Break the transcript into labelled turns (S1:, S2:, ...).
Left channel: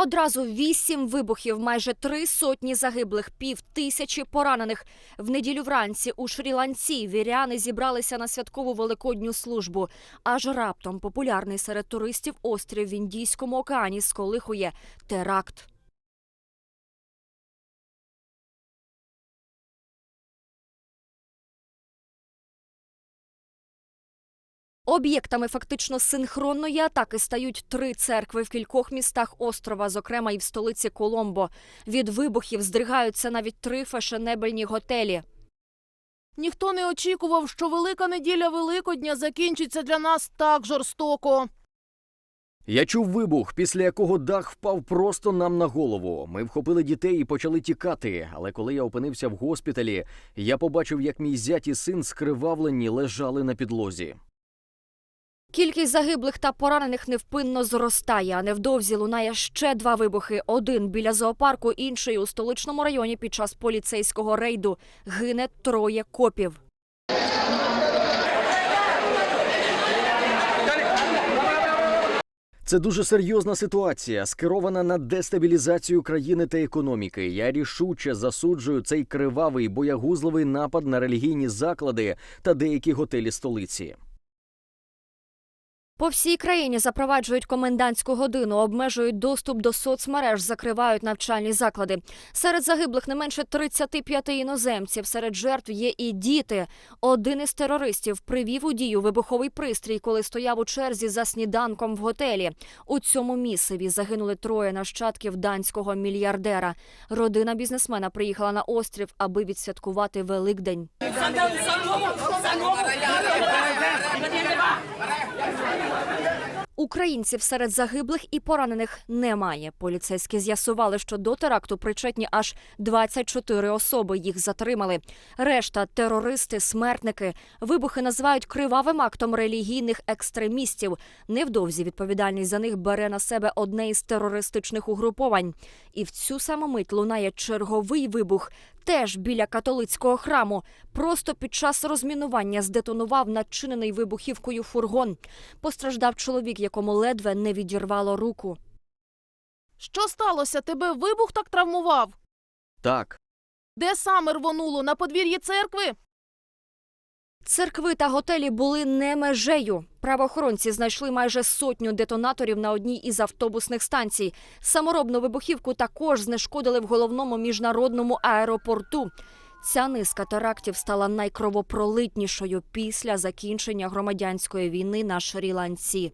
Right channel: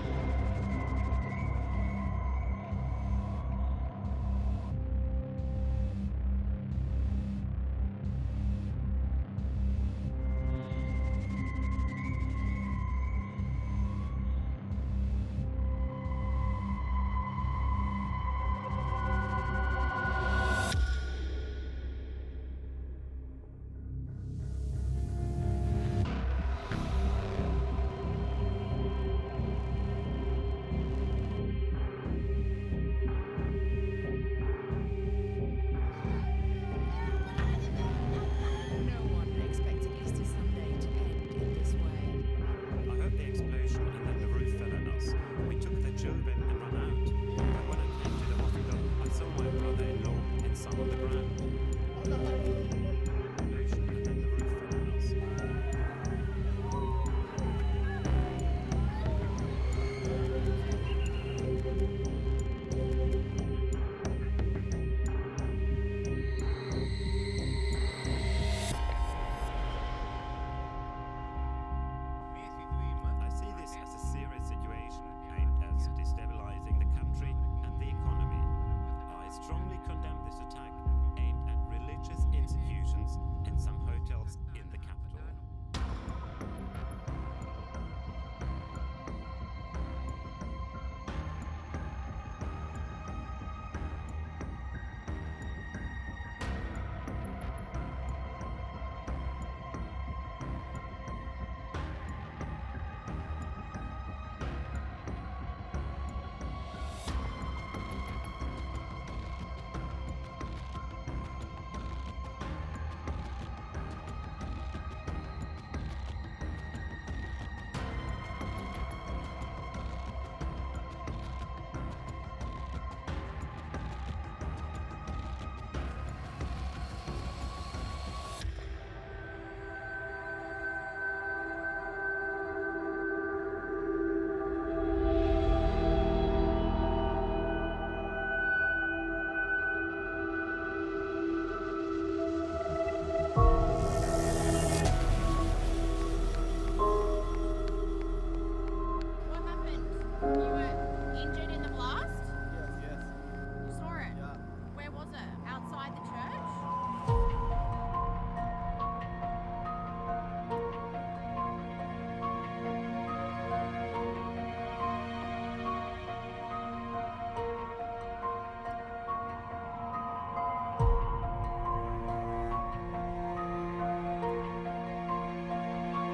S1: Одразу вісім вибухів, майже три сотні загиблих, пів тисячі поранених. В неділю вранці у Шрі-Ланці віряни зібралися на святкову великодню службу. Аж раптом популярний серед туристів острів в Індійському океані сколихує теракт. Об'єктами фактично синхронної атаки стають три церкви в кількох містах острова, зокрема і в столиці Коломбо. Від вибухів здригаються навіть три фешенебельні готелі.
S2: Ніхто не очікував, що велика неділя Великодня закінчиться для нас так жорстоко.
S3: Я чув вибух, після якого дах впав просто нам на голову. Ми вхопили дітей і почали тікати. Але коли я опинився в госпіталі, я побачив, як мій зять і син скривавлені лежали на підлозі.
S1: Кількість загиблих та поранених невпинно зростає. А невдовзі лунає ще два вибухи: один біля зоопарку, інший у столичному районі під час поліцейського рейду. Гине троє копів.
S3: Це дуже серйозна ситуація, скерована на дестабілізацію країни та економіки. Я рішуче засуджую цей кривавий боягузливий напад на релігійні заклади та деякі готелі столиці.
S1: По всій країні запроваджують комендантську годину, обмежують доступ до соцмереж, закривають навчальні заклади. Серед загиблих не менше 35 іноземців. Серед жертв є і діти. Один із терористів привів у дію вибуховий пристрій, коли стояв у черзі за сніданком в готелі. У цьому місиві загинули троє нащадків данського мільярдера. Родина бізнесмена приїхала на острів, аби відсвяткувати Великдень. Українців серед загиблих і поранених немає. Поліцейські з'ясували, що до теракту причетні аж 24 особи. Їх затримали. Решта терористи, смертники. Вибухи називають кривавим актом релігійних екстремістів. Невдовзі відповідальність за них бере на себе одне із терористичних угруповань. І в цю саму мить лунає черговий вибух. Теж біля католицького храму. Просто під час розмінування здетонував начинений вибухівкою фургон. Постраждав чоловік, якому ледве не відірвало руку.
S2: Що сталося? Тебе вибух так травмував?
S3: Так,
S2: Де саме рвонуло? На подвір'ї церкви?
S1: Церкви та готелі були не межею. Правоохоронці знайшли майже сотню детонаторів на одній із автобусних станцій. Саморобну вибухівку також знешкодили в головному міжнародному аеропорту. Ця низка терактів стала найкровопролитнішою після закінчення громадянської війни на Шрі-Ланці.